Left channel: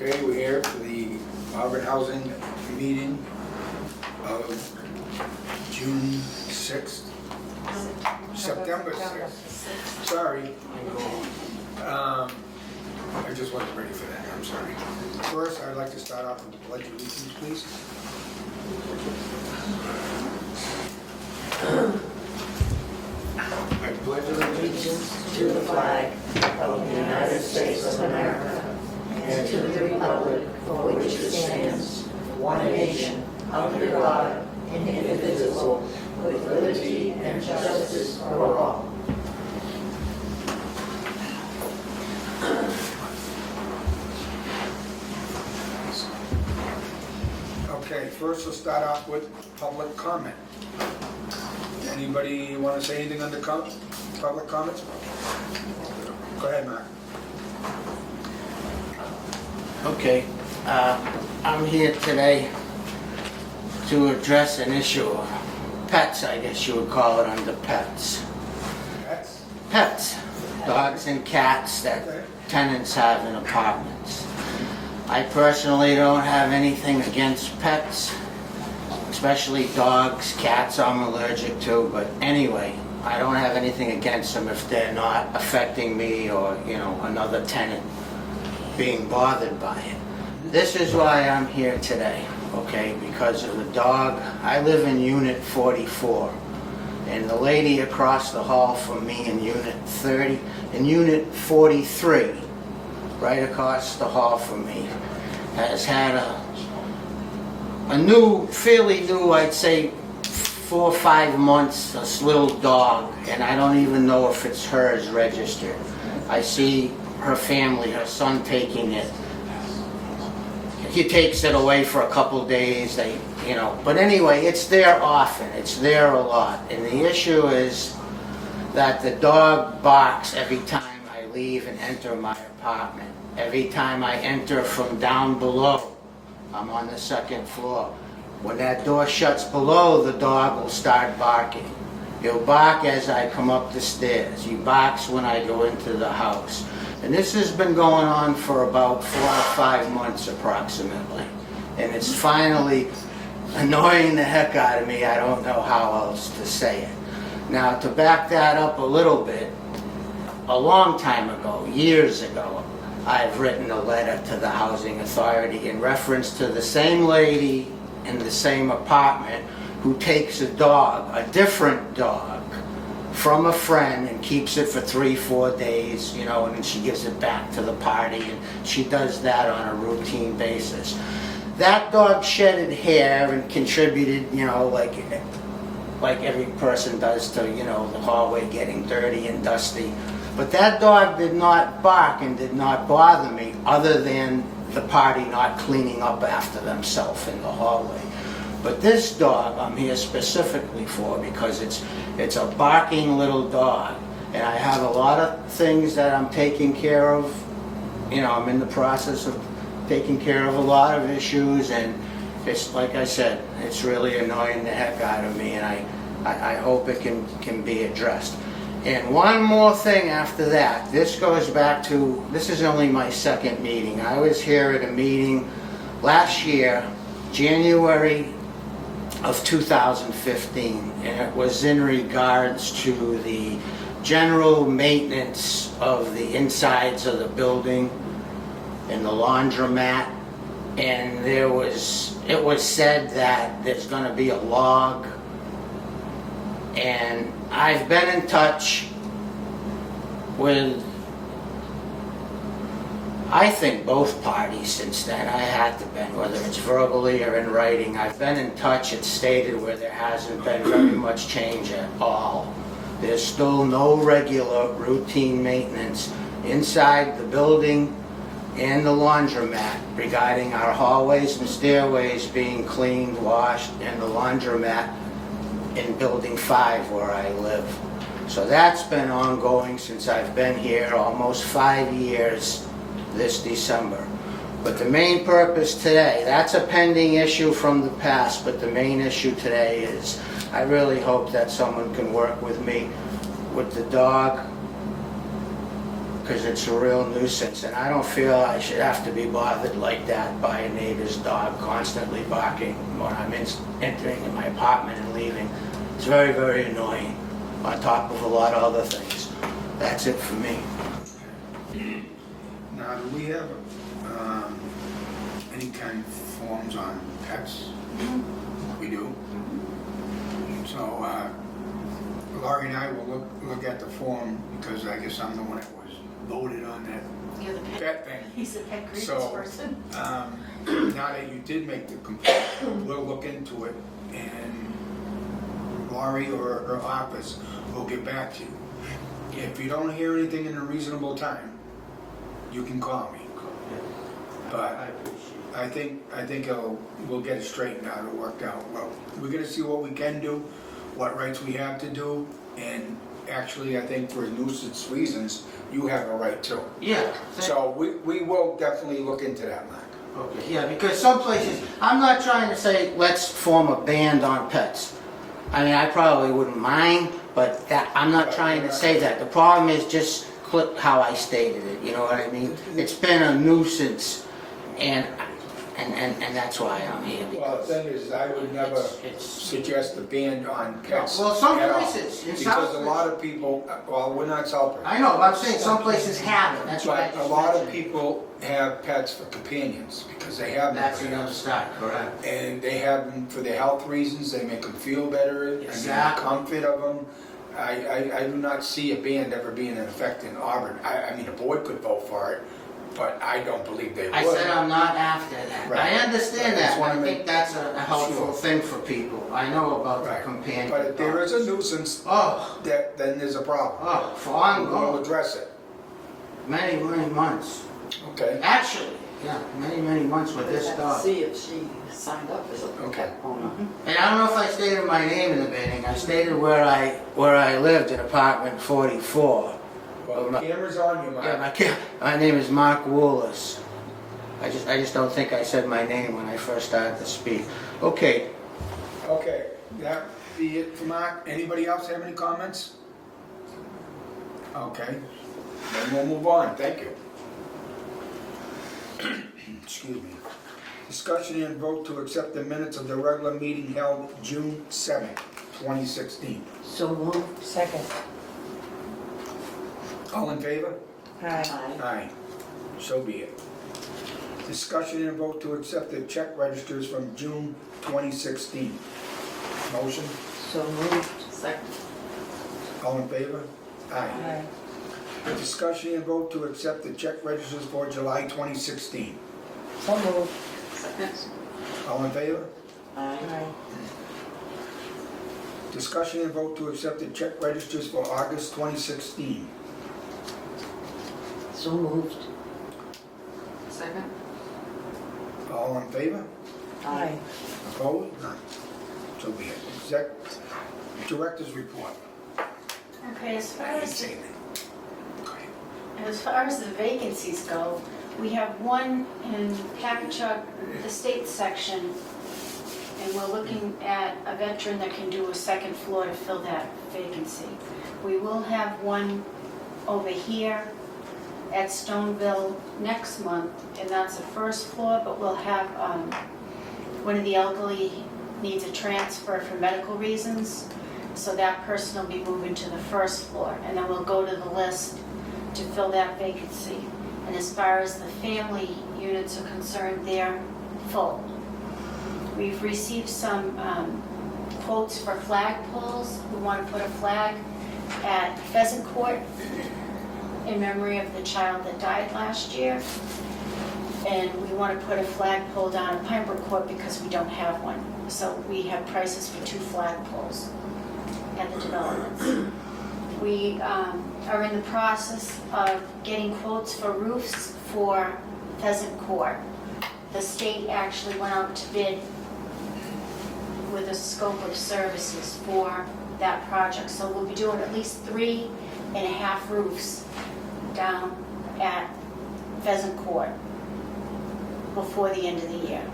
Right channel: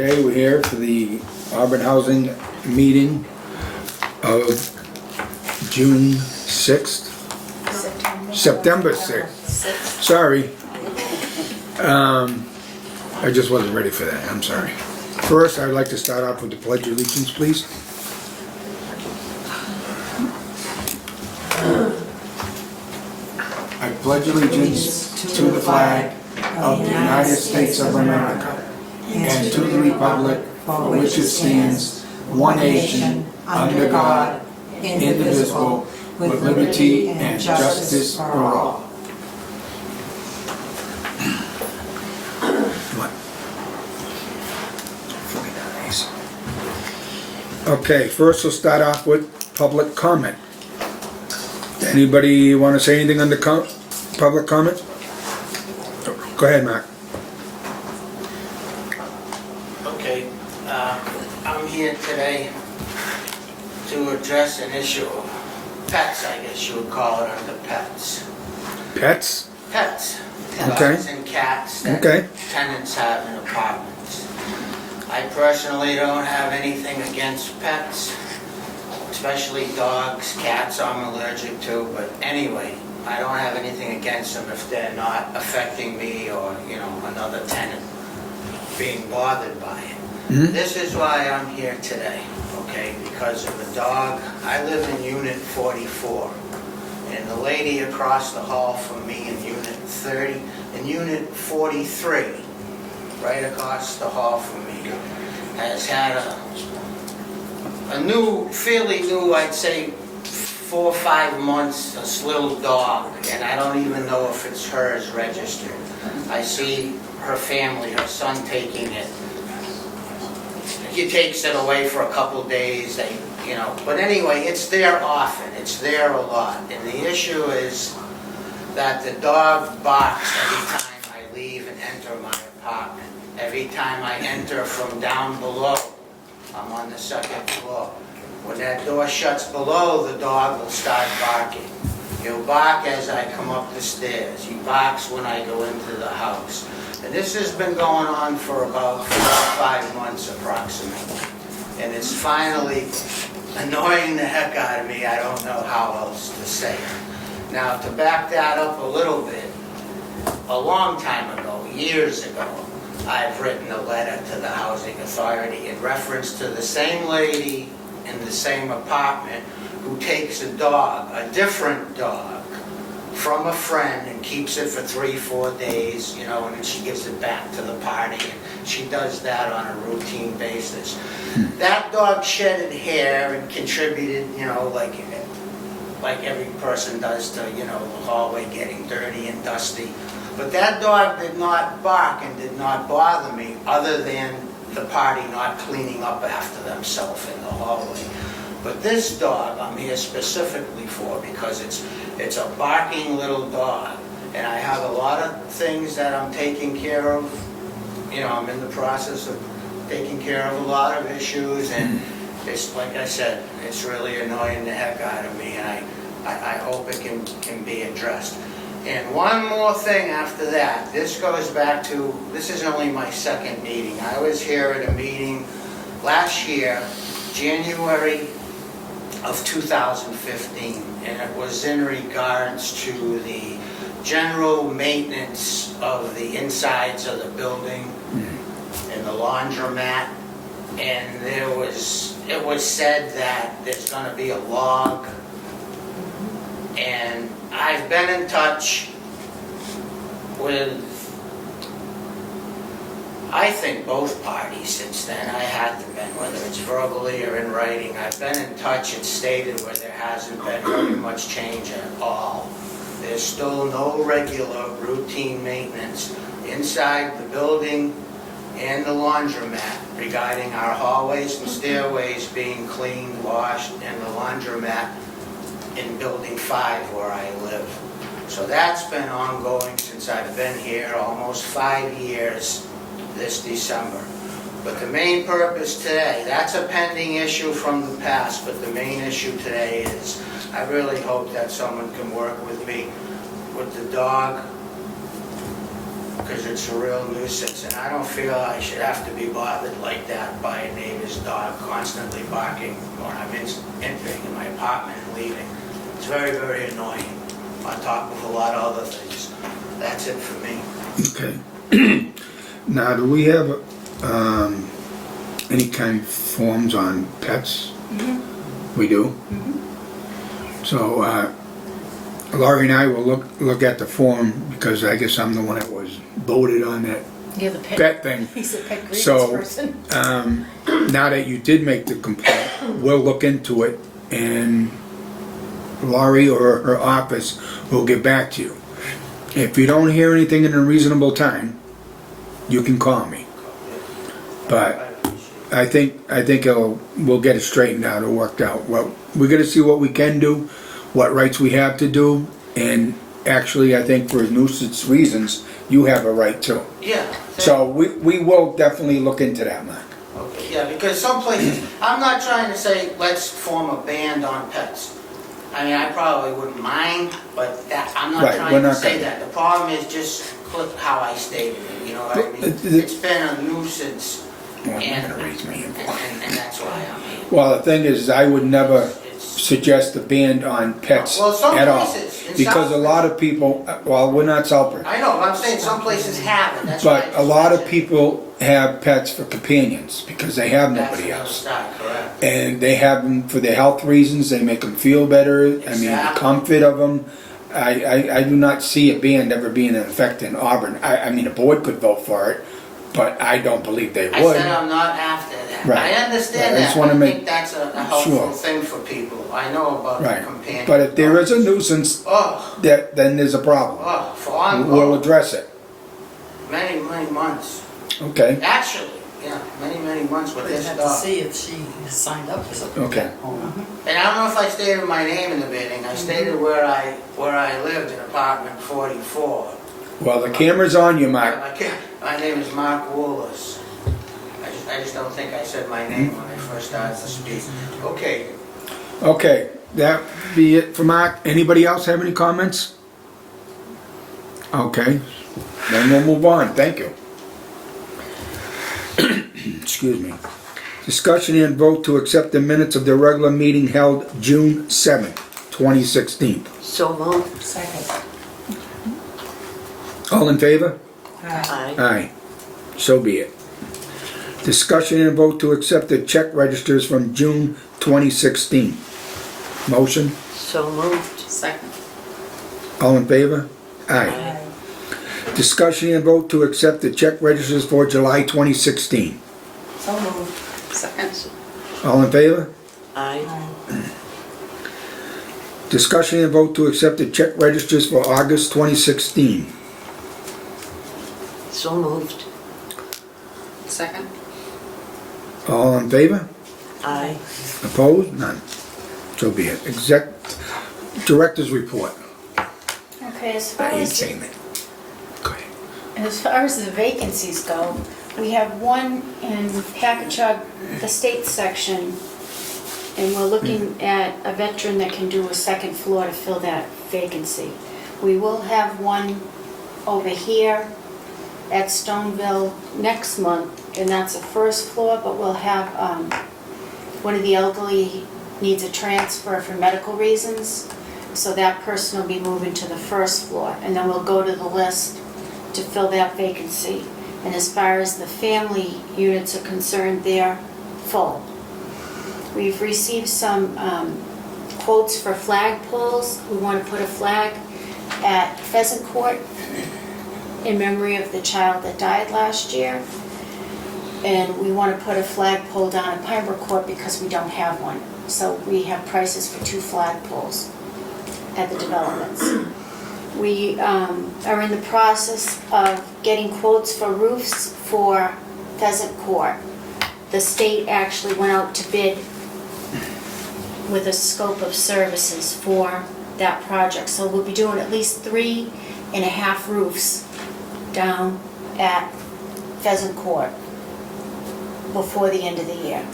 Okay, we're here for the Auburn Housing meeting of June 6th, September 6th. Sorry. I just wasn't ready for that, I'm sorry. First, I'd like to start off with the Pledge of Allegiance, please. I pledge allegiance to the flag of the United States of America and to the republic for which it stands, one nation, under God, indivisible, with liberty and justice for all. Okay, first we'll start off with public comment. Anybody want to say anything under public comment? Go ahead, Mark. Okay, I'm here today to address an issue of pets, I guess you would call it under pets. Pets? Pets. Okay. Dogs and cats that Okay. tenants have in apartments. I personally don't have anything against pets, especially dogs, cats I'm allergic to, but anyway, I don't have anything against them if they're not affecting me or, another tenant being bothered by it. Mm-hmm. This is why I'm here today, okay? Because of a dog. I live in Unit 44, and the lady across the hall from me in Unit 43, right across the hall from me, has had a new, fairly new, I'd say 4 or 5 months, this little dog, and I don't even know if it's hers registered. I see her family, her son taking it. He takes it away for a couple days, but anyway, it's there often, it's there a lot. And the issue is that the dog barks every time I leave and enter my apartment. Every time I enter from down below, I'm on the 2nd floor. When that door shuts below, the dog will start barking. He'll bark as I come up the stairs. He barks when I go into the house. And this has been going on for about 4 or 5 months approximately. And it's finally annoying the heck out of me. I don't know how else to say it. Now, to back that up a little bit, a long time ago, years ago, I've written a letter to the Housing Authority in reference to the same lady in the same apartment who takes a dog, a different dog, from a friend and keeps it for 3-4 days, and then she gives it back to the party, and she does that on a routine basis. That dog shedded hair and contributed, like every person does to, the hallway getting dirty and dusty. But that dog did not bark and did not bother me, other than the party not cleaning up after themselves in the hallway. But this dog I'm here specifically for because it's a barking little dog. And I have a lot of things that I'm taking care of. I'm in the process of taking care of a lot of issues, and it's, like I said, it's really annoying the heck out of me, and I hope it can be addressed. And one more thing after that, this goes back to, this is only my 2nd meeting. I was here at a meeting last year, January of 2015, and it was in regards to the general maintenance of the insides of the building and the laundromat. And it was said that there's going to be a log, and I've been in touch with, I think, both parties since then. I had to been, whether it's verbally or in writing. I've been in touch. It's stated where there hasn't been very much change at all. There's still no regular routine maintenance inside the building and the laundromat regarding our hallways and stairways being cleaned, washed, and the laundromat in Building 5 where I live. So that's been ongoing since I've been here, almost 5 years this December. But the main purpose today, that's a pending issue from the past, but the main issue today is I really hope that someone can work with me with the dog because it's a real nuisance, and I don't feel I should have to be bothered like that by a neighbor's dog constantly barking when I'm entering in my apartment and leaving. It's very, very annoying, on top of a lot of other things. That's it for me. Okay. Now, do we have any kind of forms on pets? Mhm. We do? Mhm. So, Laurie and I will look at the form, because I guess I'm the one that was voted on that You're the pet. pet thing. He's a pet grievance So, person. now that you did make the complaint, we'll look into it, and Laurie or her office will get back to you. If you don't hear anything in a reasonable time, you can call me. But I think we'll get it straightened out or worked out. Well, we're gonna see what we can do, what rights we have to do, and actually, I think for nuisance reasons, you have a right too. Yeah. So we will definitely look into that, Mark. Okay, yeah, because some places, I'm not trying to say, let's form a ban on pets. I mean, I probably wouldn't mind, but that, I'm not Right, trying we're to not say gonna- that. The problem is just click how I stated it, you know what I mean? It- It's been a nuisance, Well, and, I'm gonna raise my hand. and that's why I'm here. Well, the thing is, I would never It's, suggest a ban on pets Well, some at all. places in Because a Southbridge- lot of people, well, we're not Southbridge, I know, but I'm saying some places have it, that's why I but just a lot of mentioned. people have pets for companions because they have That's nobody the other else. side, correct. And they have them for their health reasons, they make them feel better, I mean, the Exactly. comfort of them. I do not see a ban ever being in effect in Auburn. I mean, a board could vote for it, but I don't believe they I would. said I'm not after that. Right. I understand Right, I just that, wanna I make think that's a helpful sure. thing for people. I know about the Right, companion. but if there is a nuisance, Oh, then there's a problem. for We'll ongoing, address it, many months. okay? Actually, yeah, many months with We'd this have to dog. see if she signed up for something. Okay. And I don't know if I stated my name in the beginning. I stated where I lived in apartment 44. Well, the camera's on you, Yeah, Mark. my name is Mark Woolas. I just don't think I said my name when I first started to speak. Okay, Okay, that be it for Mark. Anybody else have any comments? Okay, then we'll move on, thank you. Excuse me. Discussion and vote to accept the minutes of the regular meeting held June 7th, 2016. So moved. Second. All in favor? Aye. Aye. So be it. Discussion and vote to accept the check registers from June 2016. Motion? So moved. Second. All in favor? Aye. Aye. Discussion and vote to accept the check registers for July 2016. So moved. Second. All in favor? Aye. Discussion and vote to accept the check registers for August 2016. So moved. Second. All in favor? Aye. Opposed? None. So be it. Director's report. Okay, as far I ain't as, saying that. Go ahead. as far as the vacancies go, we have one in Packagug, the state section, and we're looking at a veteran that can do a second floor to fill that vacancy. We will have one over here at Stoneville next month, and that's a first floor, but we'll have, one of the elderly needs a transfer for medical reasons, so that person will be moving to the first floor, and then we'll go to the list to fill that vacancy. And as far as the family units are concerned, they're full. We've received some quotes for flag poles. We want to put a flag at Pheasant Court in memory of the child that died last year. And we want to put a flagpole down at Pembroke Court because we don't have one. So we have prices for 2 flagpoles at the developments. We are in the process of getting quotes for roofs for Pheasant Court. The state actually went out to bid with a scope of services for that project. So we'll be doing at least 3.5 roofs down at Pheasant Court before the end of the year.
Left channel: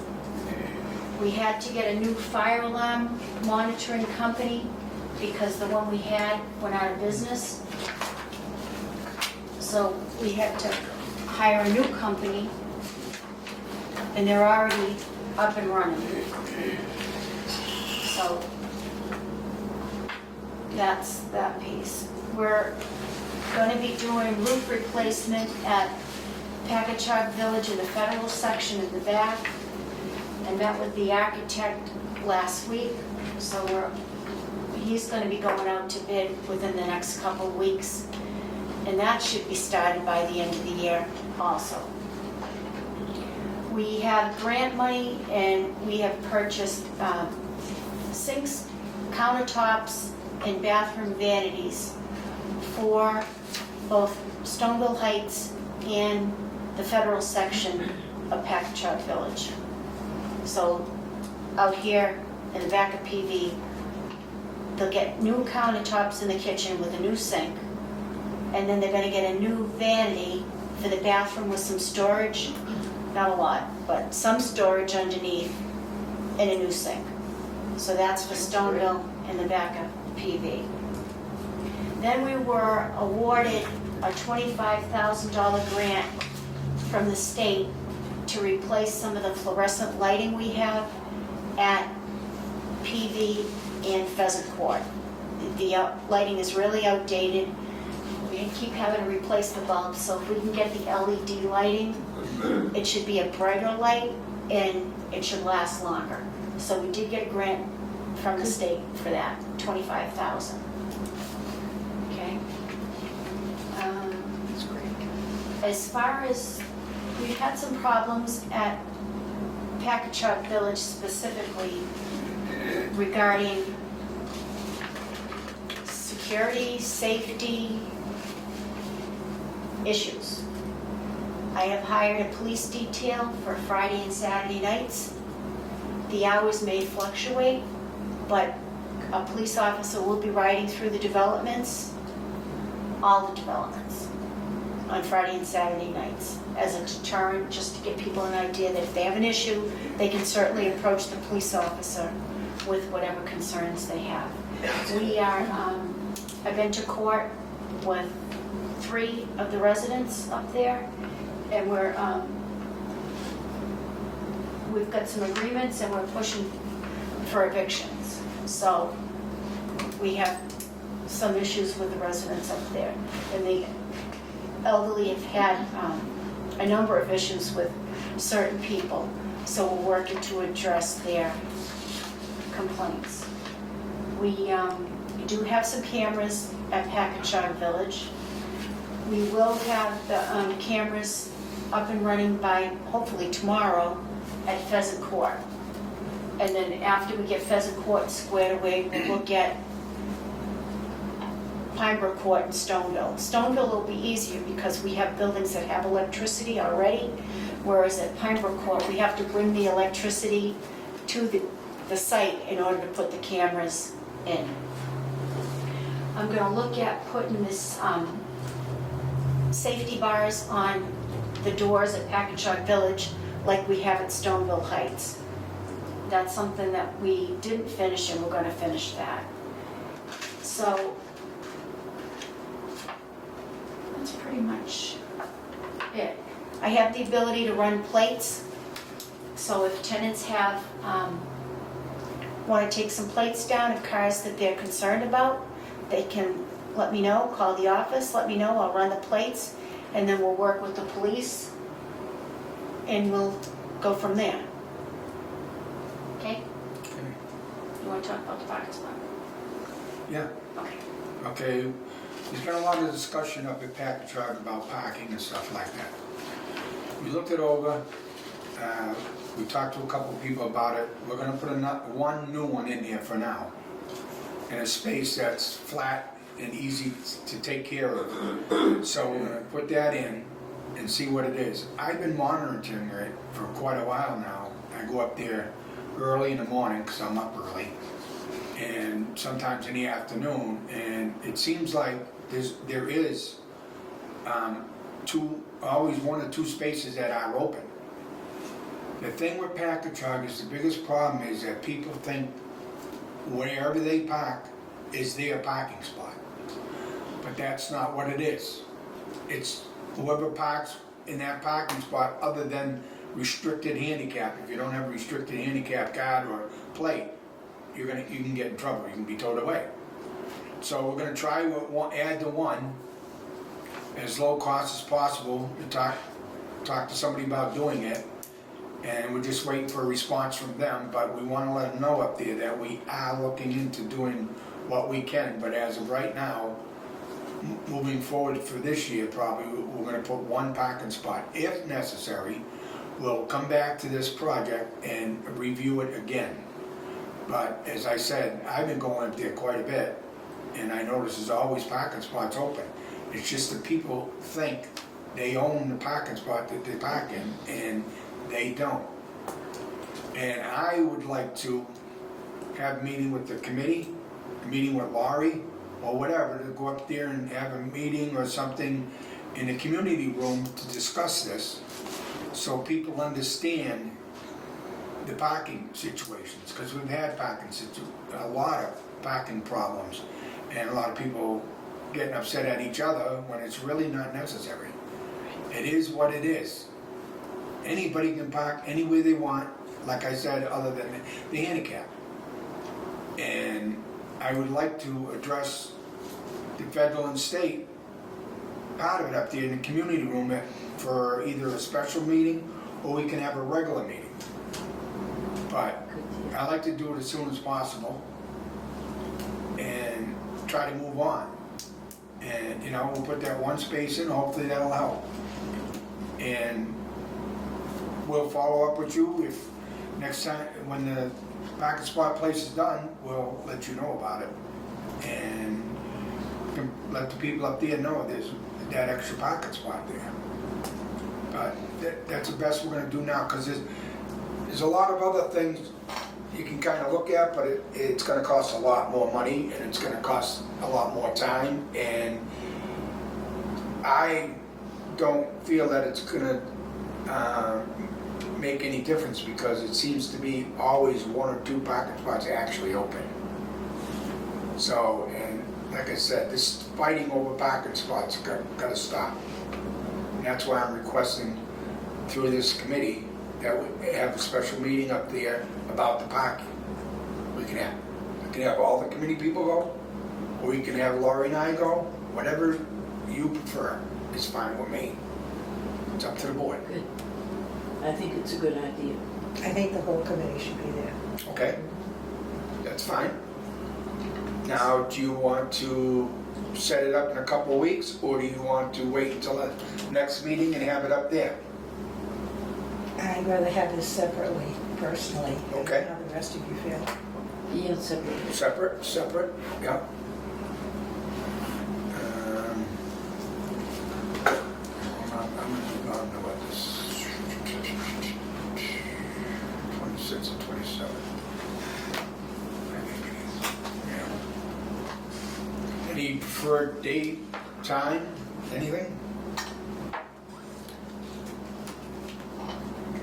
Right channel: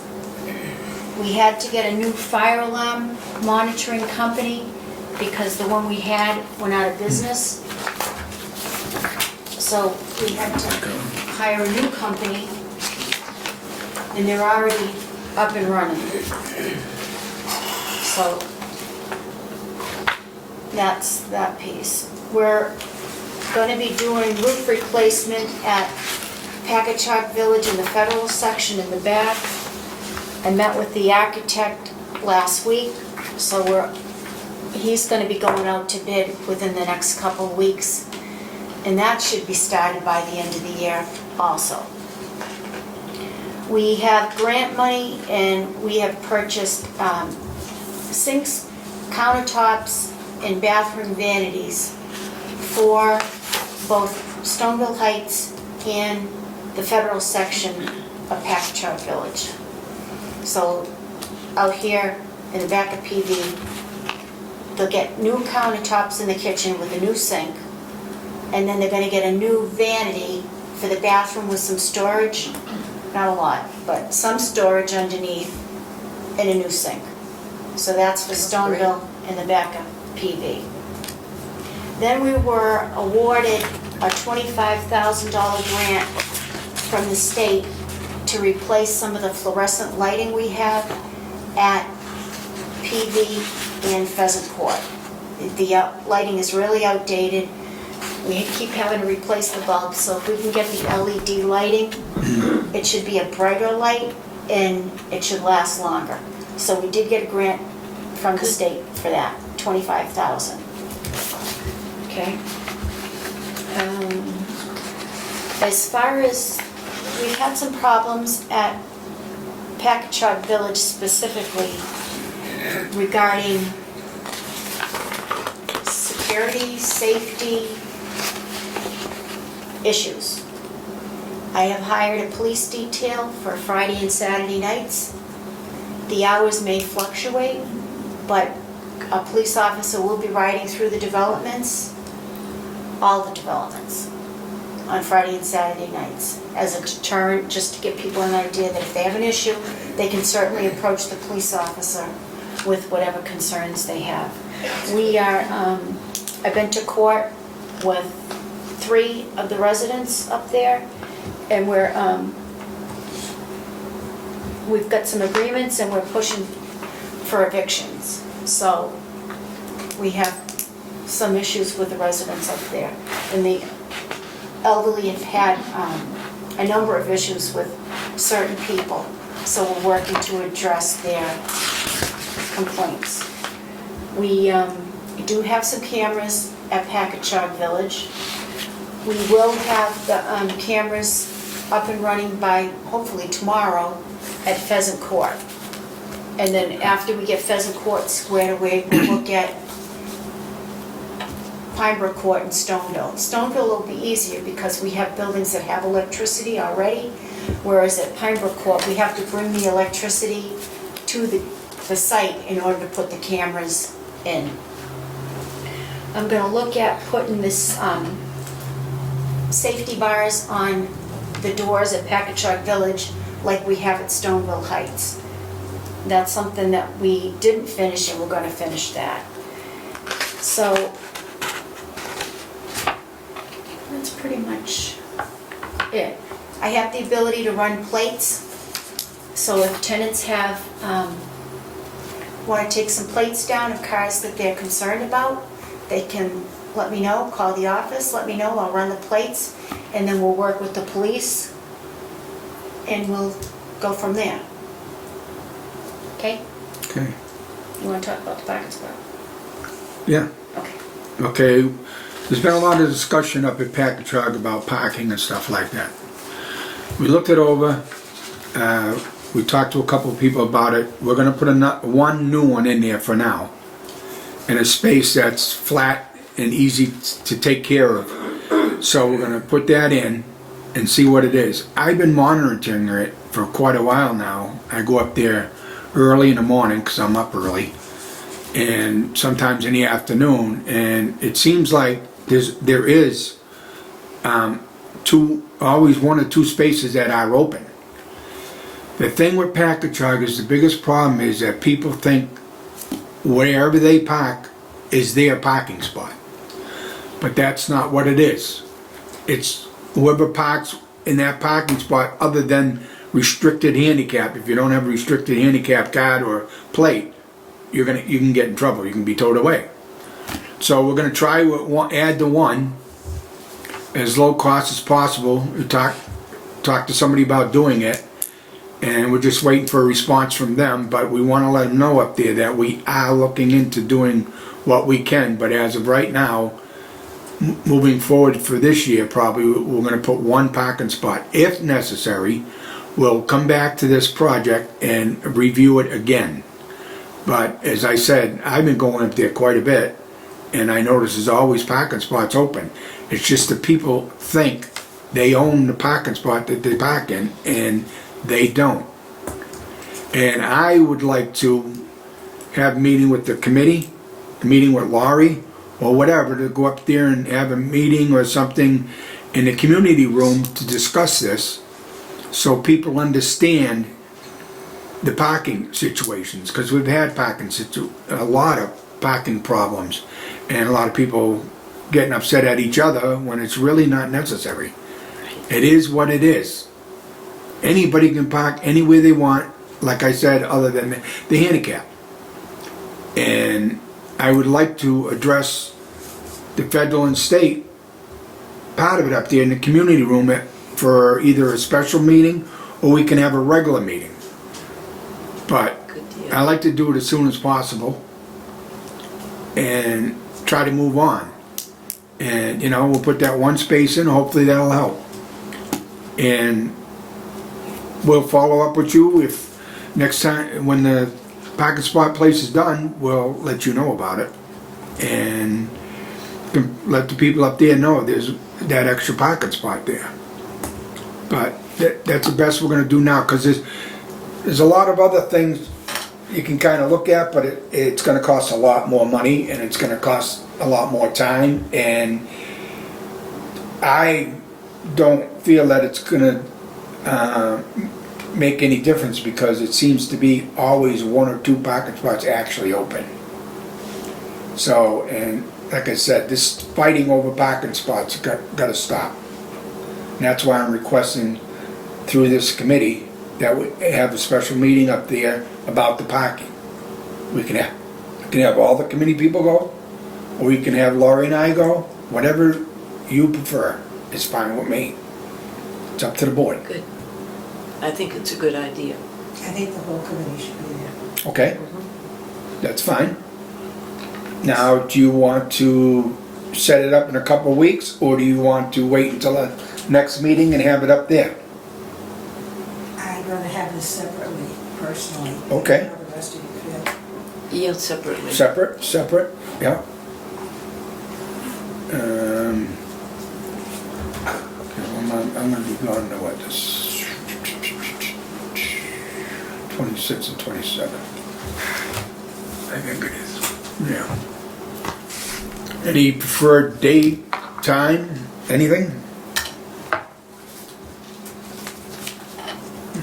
We had to get a new fire alarm monitoring company because the one we had went out of business. So we had to hire a new company, and they're already up and running. So that's that piece. We're gonna be doing roof replacement at Packagug Village in the federal section in the back. I met with the architect last week, so he's gonna be going out to bid within the next couple of weeks. And that should be started by the end of the year also. We have grant money and we have purchased sinks, countertops, and bathroom vanities for both Stoneville Heights and the federal section of Packagug Village. So out here in the back of PV, they'll get new countertops in the kitchen with a new sink, and then they're gonna get a new vanity for the bathroom with some storage, not a lot, but some storage underneath, and a new sink. So that's for Stoneville in the back of PV. Then we were awarded a $25,000 grant from the state to replace some of the fluorescent lighting we have at PV and Pheasant Court. The lighting is really outdated. We keep having to replace the bulbs, so if we can get the LED lighting, it should be a brighter light and it should last longer. So we did get a grant from the state for that, $25,000. Okay. As far as, we've had some problems at Packagug Village specifically regarding security, safety issues. I have hired a police detail for Friday and Saturday nights. The hours may fluctuate, but a police officer will be riding through the developments, all the developments, on Friday and Saturday nights as a deterrent, just to give people an idea that if they have an issue, they can certainly approach the police officer with whatever concerns they have. We are, I've been to court with 3 of the residents up there, and we've got some agreements and we're pushing for evictions. So we have some issues with the residents up there. And the elderly have had a number of issues with certain people, so we're working to address their complaints. We do have some cameras at Packagug Village. We will have the cameras up and running by hopefully tomorrow at Pheasant Court. And then after we get Pheasant Court squared away, we'll get Pinebrook Court and Stoneville. Stoneville will be easier because we have buildings that have electricity already, whereas at Pinebrook Court, we have to bring the electricity to the site in order to put the cameras in. I'm gonna look at putting this safety bars on the doors at Packagug Village like we have at Stoneville Heights. That's something that we didn't finish, and we're gonna finish that. So that's pretty much it. I have the ability to run plates, so if tenants have, wanna take some plates down of cars that they're concerned about, they can let me know, call the office, let me know, I'll run the plates, and then we'll work with the police, and we'll go from there. Okay? Okay. You wanna talk about the parking spot? Yeah. Okay. Okay. There's been a lot of discussion up at Packagug about parking and stuff like that. We looked it over. We talked to a couple of people about it. We're gonna put one new one in there for now, in a space that's flat and easy to take care of. So we're gonna put that in and see what it is. I've been monitoring it for quite a while now. I go up there early in the morning because I'm up early, and sometimes in the afternoon, and it seems like there is always 1 or 2 spaces that are open. The thing with Packagug is the biggest problem is that people think wherever they park is their parking spot, but that's not what it is. it's whoever parks in that parking spot other than restricted handicap. If you don't have a restricted handicap card or plate, you can get in trouble, you can be towed away. So we're gonna try to add the one as low cost as possible. We talk to somebody about doing it, and we're just waiting for a response from them, but we wanna let them know up there that we are looking into doing what we can, but as of right now, moving forward for this year, probably, we're gonna put one parking spot. If necessary, we'll come back to this project and review it again. But as I said, I've been going up there quite a bit, and I notice there's always parking spots open. It's just that people think they own the parking spot that they park in, and they don't. And I would like to have a meeting with the committee, a meeting with Laurie, or whatever, to go up there and have a meeting or something in the community room to discuss this, so people understand the parking situations, because we've had a lot of parking problems, and a lot of people getting upset at each other when it's really not necessary. It is what it is. Anybody can park anywhere they want, like I said, other than the handicap. And I would like to address the federal and state part of it up there in the community room for either a special meeting or we can have a regular meeting. But Good deal. I like to do it as soon as possible and try to move on. And, you know, we'll put that one space in, hopefully that'll help. And we'll follow up with you if next time, when the parking spot place is done, we'll let you know about it. And let the people up there know there's that extra parking spot there. But that's the best we're gonna do now, because there's a lot of other things you can kind of look at, but it's gonna cost a lot more money, and it's gonna cost a lot more time, and I don't feel that it's gonna make any difference, because it seems to be always one or two parking spots actually open. So, and like I said, this fighting over parking spots gotta stop. And that's why I'm requesting through this committee that we have a special meeting up there about the parking. We can have all the committee people go, or we can have Laurie and I go. Whatever you prefer is fine with me. It's up to the board. Good. I think it's a good idea. I think the whole committee should be there. Okay? That's fine. Now, do you want to set it up in a couple of weeks, or do you want to wait until the next meeting and have it up there? I'd rather have this separately, personally. Okay. I know the rest of you feel. Yeah, separately. Separate, yeah. I'm gonna be gone to what, this 26 and 27. I think it is, yeah. Any preferred date, time, anything?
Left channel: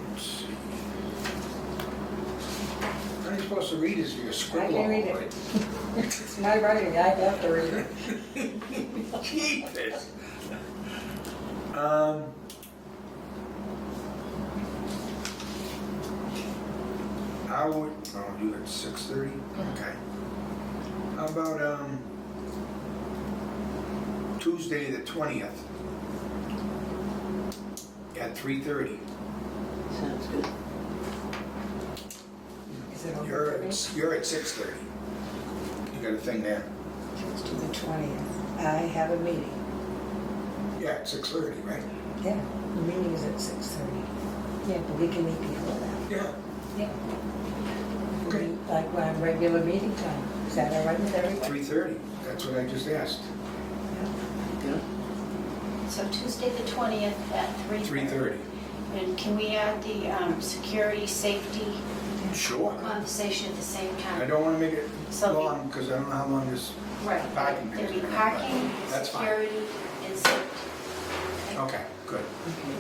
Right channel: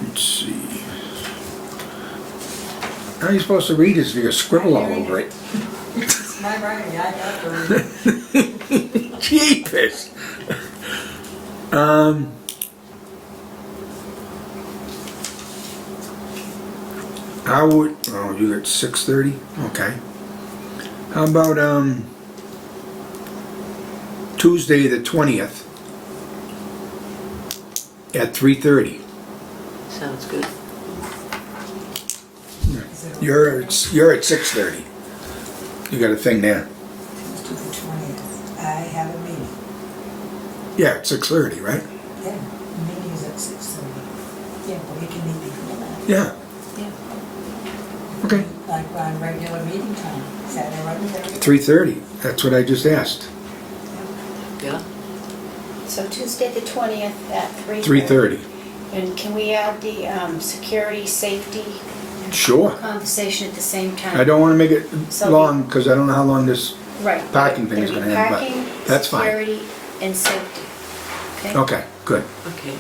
Let's see. How are you supposed to read this if you scribble all over it? It's my writing, I got the. Jeepers. I would, oh, you got 6:30? Okay. How about, Tuesday the 20th at 3:30? Sounds good. You're at 6:30. You got a thing there. Tuesday the 20th. I have a meeting. Yeah, at 6:30, right? Yeah, the meeting is at 6:30. Yeah, we can meet before that. Yeah. Okay. Like on regular meeting time. Is that all right with everybody? 3:30, that's what I just asked. Yeah? So Tuesday the 20th at 3:30. 3:30. And can we add the security, safety Sure. conversation at the same time? I don't want to make it So- long, because I don't know how long this, Right. parking thing is There'll gonna be end, but parking, that's fine. security, and safety. Okay? okay, good. Okay.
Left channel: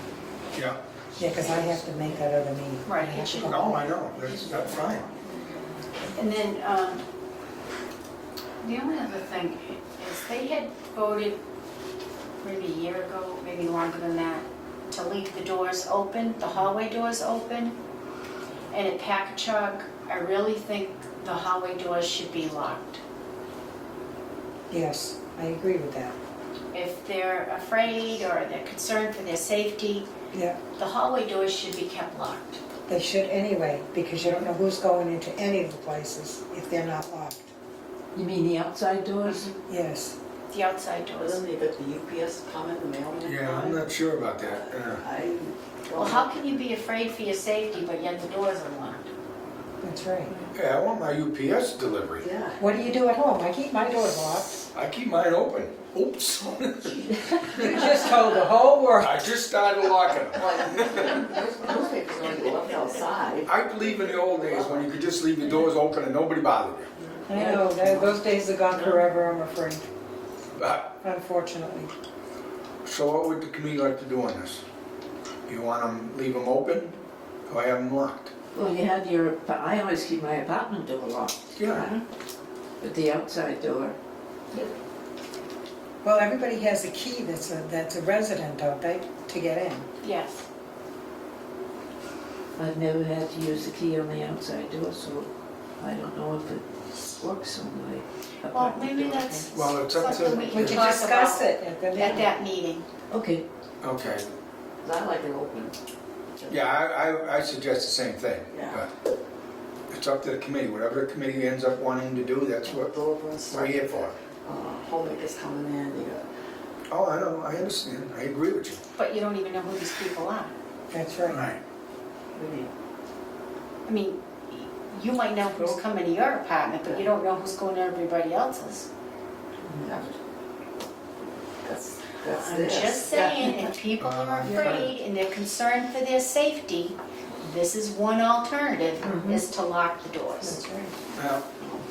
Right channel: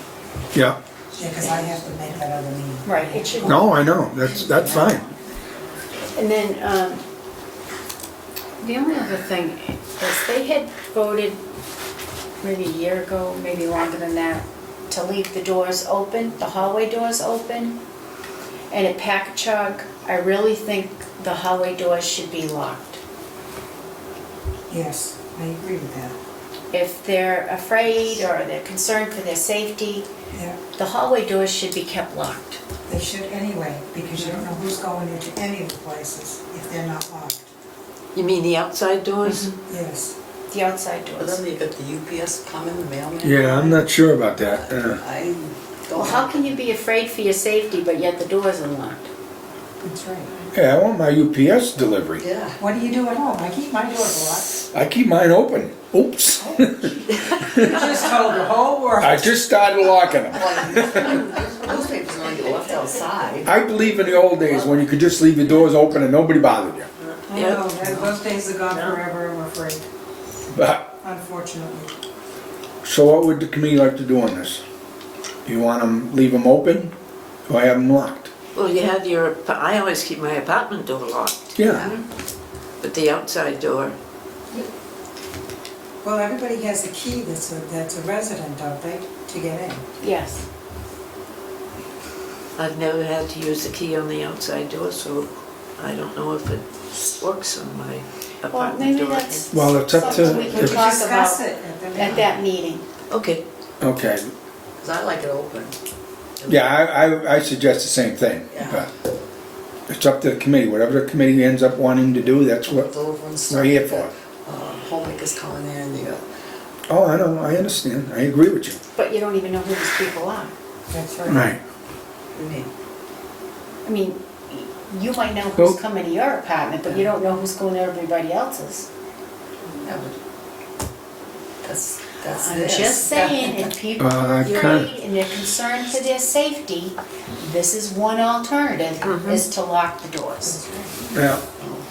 Yeah. Yeah, because I have to make that other meeting. Right, it should- No, I know, that's fine. And then, the only other thing is they had voted maybe a year ago, maybe longer than that, to leave the doors open, the hallway doors open. And at Packagug, I really think the hallway doors should be locked. Yes, I agree with that. If they're afraid or they're concerned for their safety, Yeah, the hallway doors should be kept locked. they should anyway, because you don't know who's going into any of the places if they're not locked. You mean the outside doors? Yes. The outside But doors. then you got the UPS coming, the mailman. Yeah, I'm not sure about that. I Well, how can you be afraid for your safety, but yet the doors are locked? That's right. Yeah, I want my UPS delivery. Yeah. What do you do at home? I keep my door locked. I keep mine open. Oops. You just told the whole world. I just started locking them. Newspapers are gonna get left outside. I believe in the old days when you could just leave your doors open and nobody bothered you. I know, those days are gone forever, I'm afraid, But, unfortunately. so what would the committee like to do on this? You want them, leave them open, or have them locked? Well, you have your, I always keep my apartment door locked, Yeah. but the outside door, Well, everybody has a key that's a resident, don't they, to get in? Yes. I've never had to use the key on the outside door, so I don't know if it works on my Well, apartment maybe door. that's Well, it's up to- something we can if- talk Discuss about it at the at that meeting. Okay, Okay. 'Cause I like it open. Yeah, I suggest the same thing. Yeah. But it's up to the committee. Whatever the committee ends up wanting to do, that's what It's over and stuff. we're here for. Homemakers coming in, they got, Oh, I know, I understand. I agree with you. But you don't even know who these people are. That's right. Right. you mean, I mean, you might know who's Well- coming to your apartment, but you don't know who's going to everybody else's. that would, that's I'm this. just saying, if people I are can't- afraid and they're concerned for their safety, this is one alternative, is to lock the doors. Yeah.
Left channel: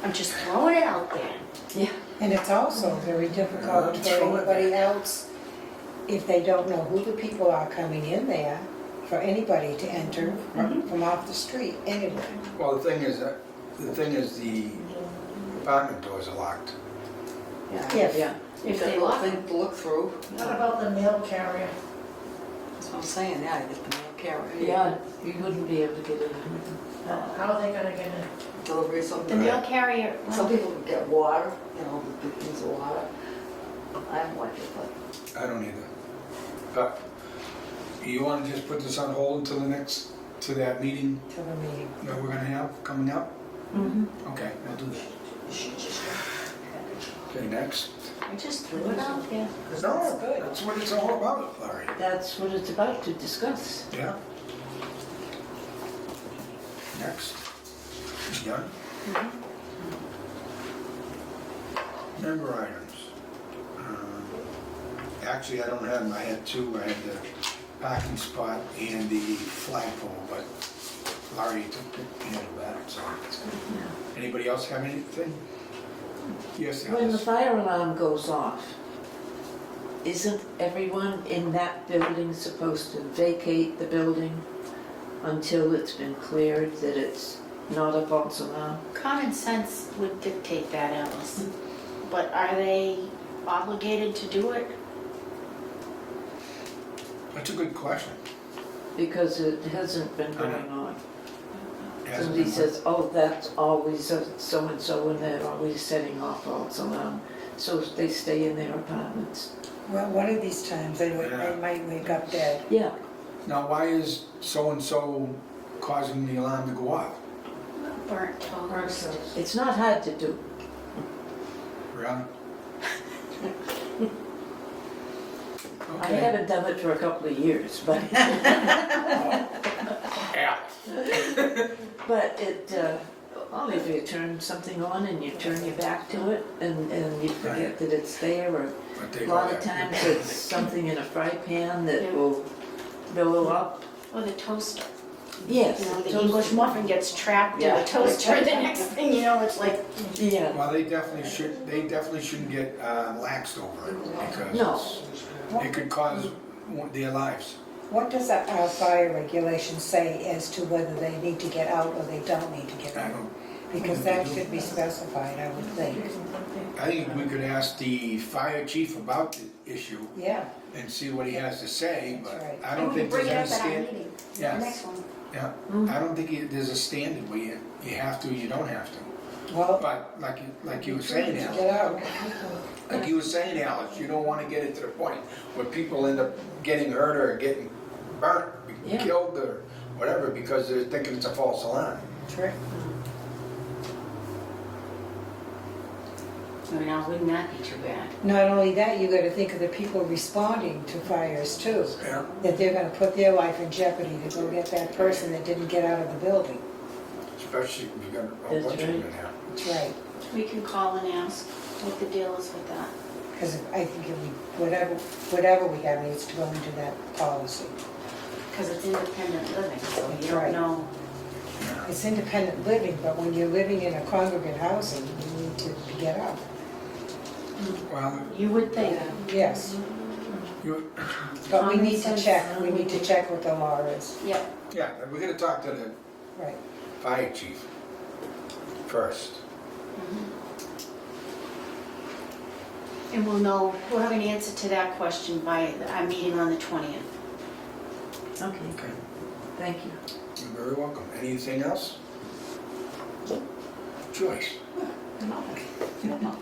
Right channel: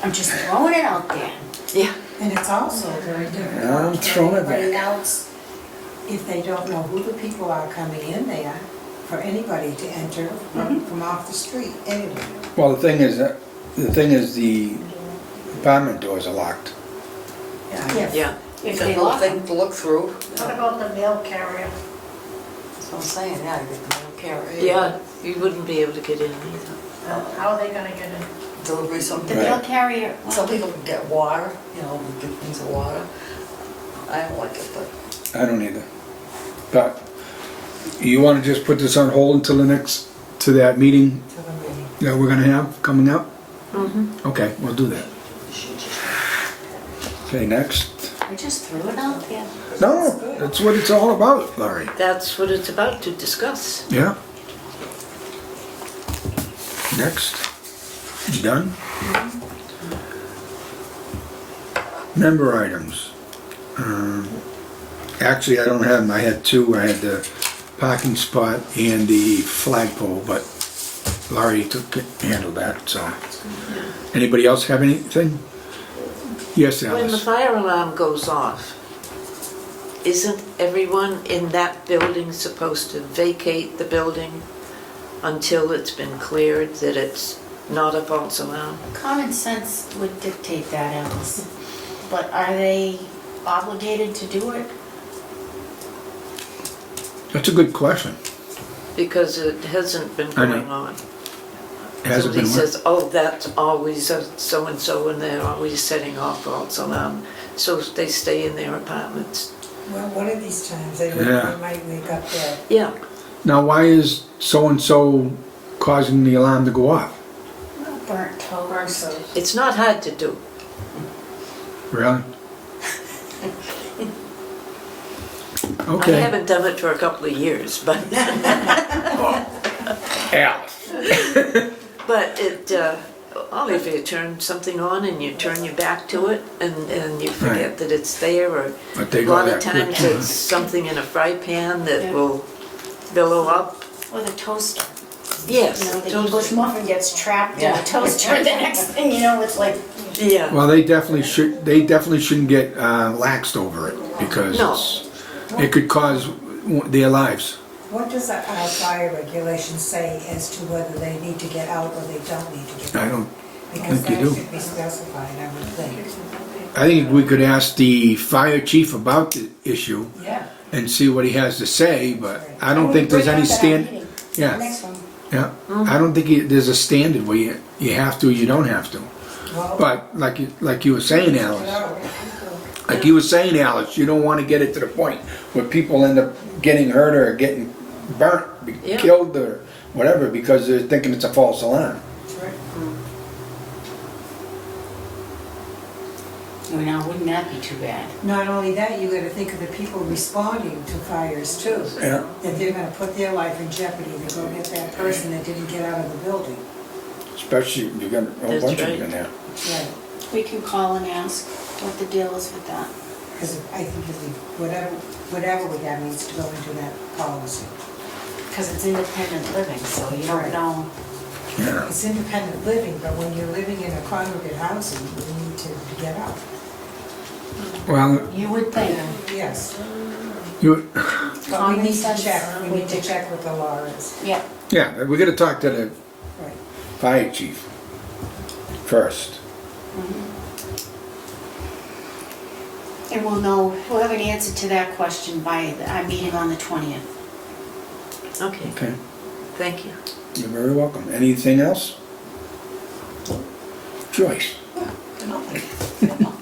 I'm just throwing it out there. yeah, And it's also very I'm difficult for throwing it anybody else, if they don't know who the people are coming in there, for anybody to enter from off the street, anywhere. Well, the thing is the apartment doors are locked. Yes. yeah. If It's a they little lock them. thing to look through. What about the mail carrier? That's what I'm saying, yeah, you get the mail carrier. Yeah, you wouldn't be able to get in either. How are they gonna get in? Delivery, some The people, mail carrier, some well, people can get water, you know, get things of water. I don't like it, but I don't either. But you want to just put this on hold until to that meeting To the meeting. that we're gonna have coming up? Mm-hmm. Okay, we'll do that. Okay, next. I just threw it out there. No, that's what it's all about, Larry. That's what it's about to discuss. Yeah. Next. You done? Member items. Actually, I don't have them. I had two. I had the parking spot and the flagpole, but Laurie handled that, so. Anybody else have anything? Yes, When the Alice. fire alarm goes off, isn't everyone in that building supposed to vacate the building until it's been cleared that it's not a false alarm? Common sense would dictate that, Alice. But are they obligated to do it? That's a good question. Because it hasn't been I know. going on. Hasn't Somebody been what? says, oh, that's always a so-and-so and they're always setting off false alarm. So they stay in their apartments. Well, one of these times, they Yeah. might wake up dead. Yeah, Now, why is so-and-so causing the alarm to go off? Burnt toast. it's not hard to do. Really? I Okay. haven't done it for a couple of years, but Alice. but it, only if you turn something on and you turn your back to it and you forget Right. that it's there, or But they a go lot of that quick. times it's something in a fry pan that Yeah. will billow up. Or the toaster. Yes. You know, the English muffin gets trapped in Yeah. the toaster, and the next thing you know, it's like, Yeah. Well, they definitely shouldn't get laxed over it because No. it could cause their lives. What does our fire regulation say as to whether they need to get out or they don't need to get I out? don't, Because think you that do. should be specified, I would think. I think we could ask the fire chief about the issue Yeah. and see what he has to say, but I don't think there's any yeah, Next one. yeah. I don't think there's a standard where you have to, you don't have to. Well, But like you were saying, get Alice, out. like you were saying, Alice, you don't wanna get it to the point where people end up getting hurt or getting burnt, Yeah. killed or whatever, because they're thinking it's a false alarm. That's right. Now, wouldn't that be too bad? Not only that, you gotta think of the people responding to fires too. Yeah. That they're gonna put their life in jeopardy to go get that person that didn't get out of the building. Especially, you got a whole That's bunch of them right. in there. That's right. We can call and ask what the deal is with that. Because I think if we, whatever we have needs to go into that policy. Because it's independent living, so you Right. don't know. Yeah. It's independent living, but when you're living in a congregate housing, you need to get out. Well, You would think. Yes, you, but we Common need to sense. check, we need to check what the law is. Yeah. yeah, we gotta talk to the Right. fire chief first. And we'll have an answer to that question by our meeting on the 20th. Okay, Okay, thank you. you're very welcome. Anything else? Joyce?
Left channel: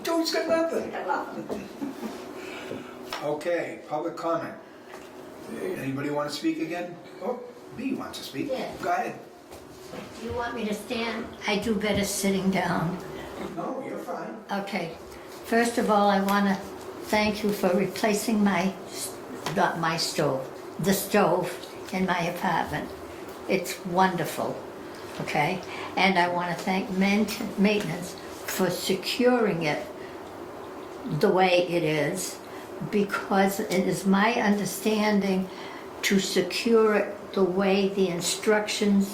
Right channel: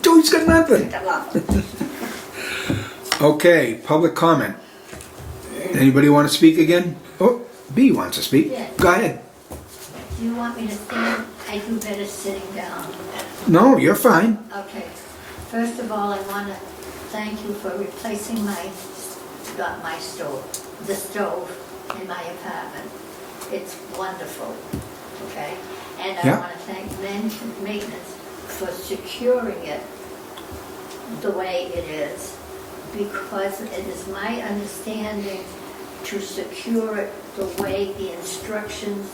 Joyce got nothing. Okay, public comment. Anybody want to speak again? Oh, B wants to speak. Yeah. Go ahead. You want me to stand? I do better sitting down. No, you're fine. Okay. First of all, I want to thank you for replacing not my stove, the stove in my apartment. It's wonderful, okay? And I Yeah. want to thank maintenance for securing it the way it is, because it is my understanding to secure it the way the instructions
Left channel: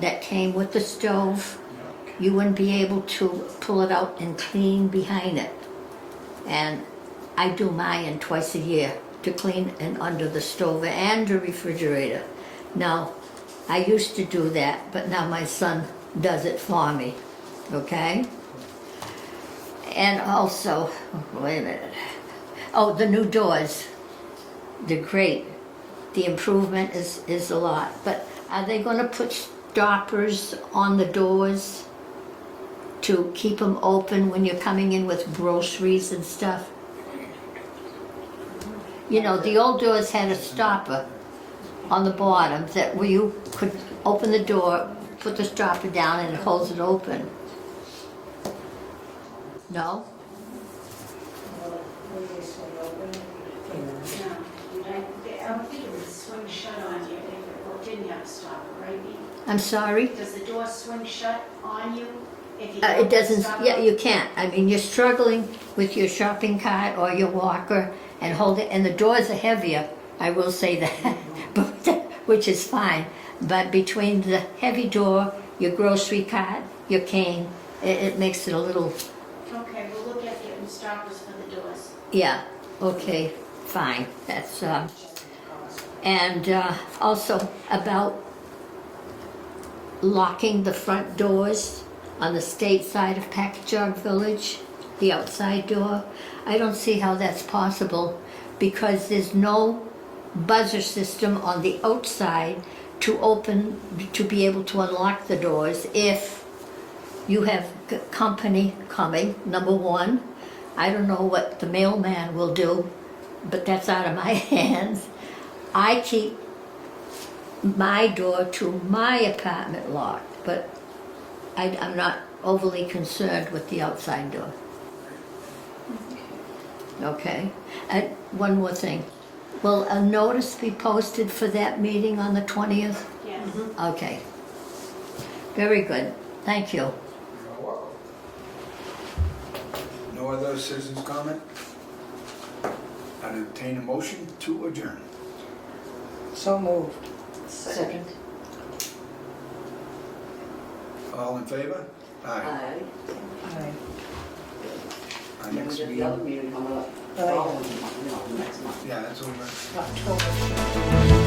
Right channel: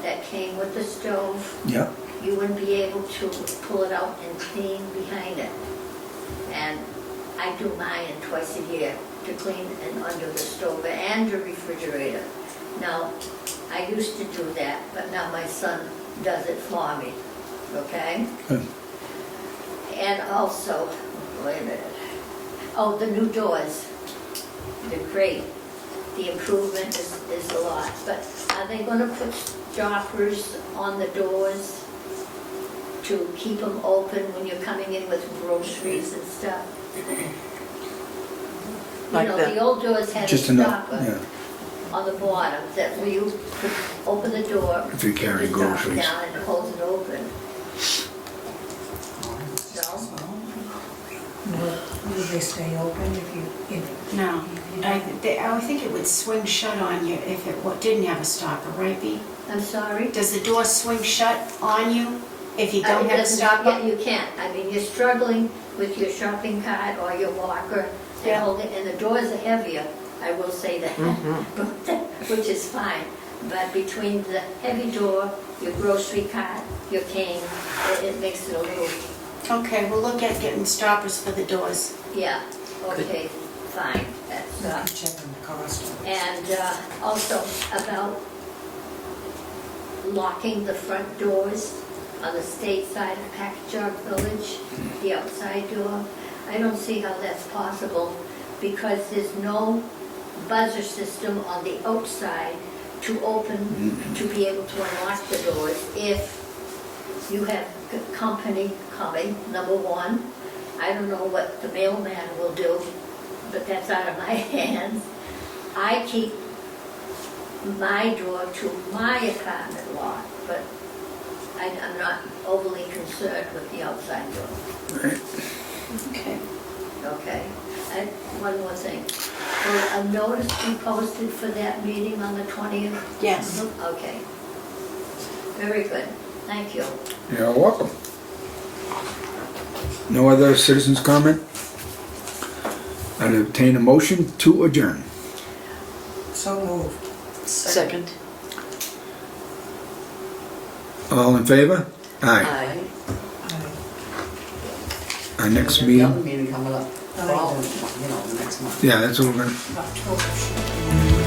that came with the stove, Yeah. you wouldn't be able to pull it out and clean behind it. And I do mine twice a year to clean and under the stove and the refrigerator. Now, I used to do that, but now my son does it for me, okay? Good. And also, wait a minute. Oh, the new doors, they're great. The improvement is a lot, but are they gonna put stoppers on the doors to keep them open when you're coming in with groceries and stuff? You Like know, that. the old doors had a Just enough. stopper Yeah. on the bottom that where you could open the door, If you put carry the stopper groceries. down and it holds it open. No? Will they stay open if you know? No, I would think it would swing shut on you if it didn't have a stopper, right, Bea? I'm sorry? Does the door swing shut on you if you It don't have a doesn't, yeah, stopper? you can't. I mean, you're struggling with your shopping cart or your walker and Yeah. hold it, and the doors are heavier, I will say that, but, which is fine. But between the heavy door, your grocery cart, your cane, it makes it a little, Okay, we'll look at getting stoppers for the doors. yeah, okay, fine. That's, Checking the cost. and also about locking the front doors on the state side of Packagug Village, the outside door. I don't see how that's possible because there's no buzzer system on the outside to open, to be able to unlock the doors if you have company coming, number one. I don't know what the mailman will do, but that's out of my hands. I keep my door to my apartment locked, but I'm not overly concerned with the outside door, Okay. okay? And one more thing. Will a notice be posted for that meeting on the 20th? Yes. Okay. Very good. Thank you. You're welcome. No other citizens' comment? I'd obtain a motion to adjourn. So moved. Second. All in favor? Aye. Aye. Aye. Our next There's meeting, another meeting coming up, Oh, yeah. following, the next month. yeah, that's what we're gonna, October.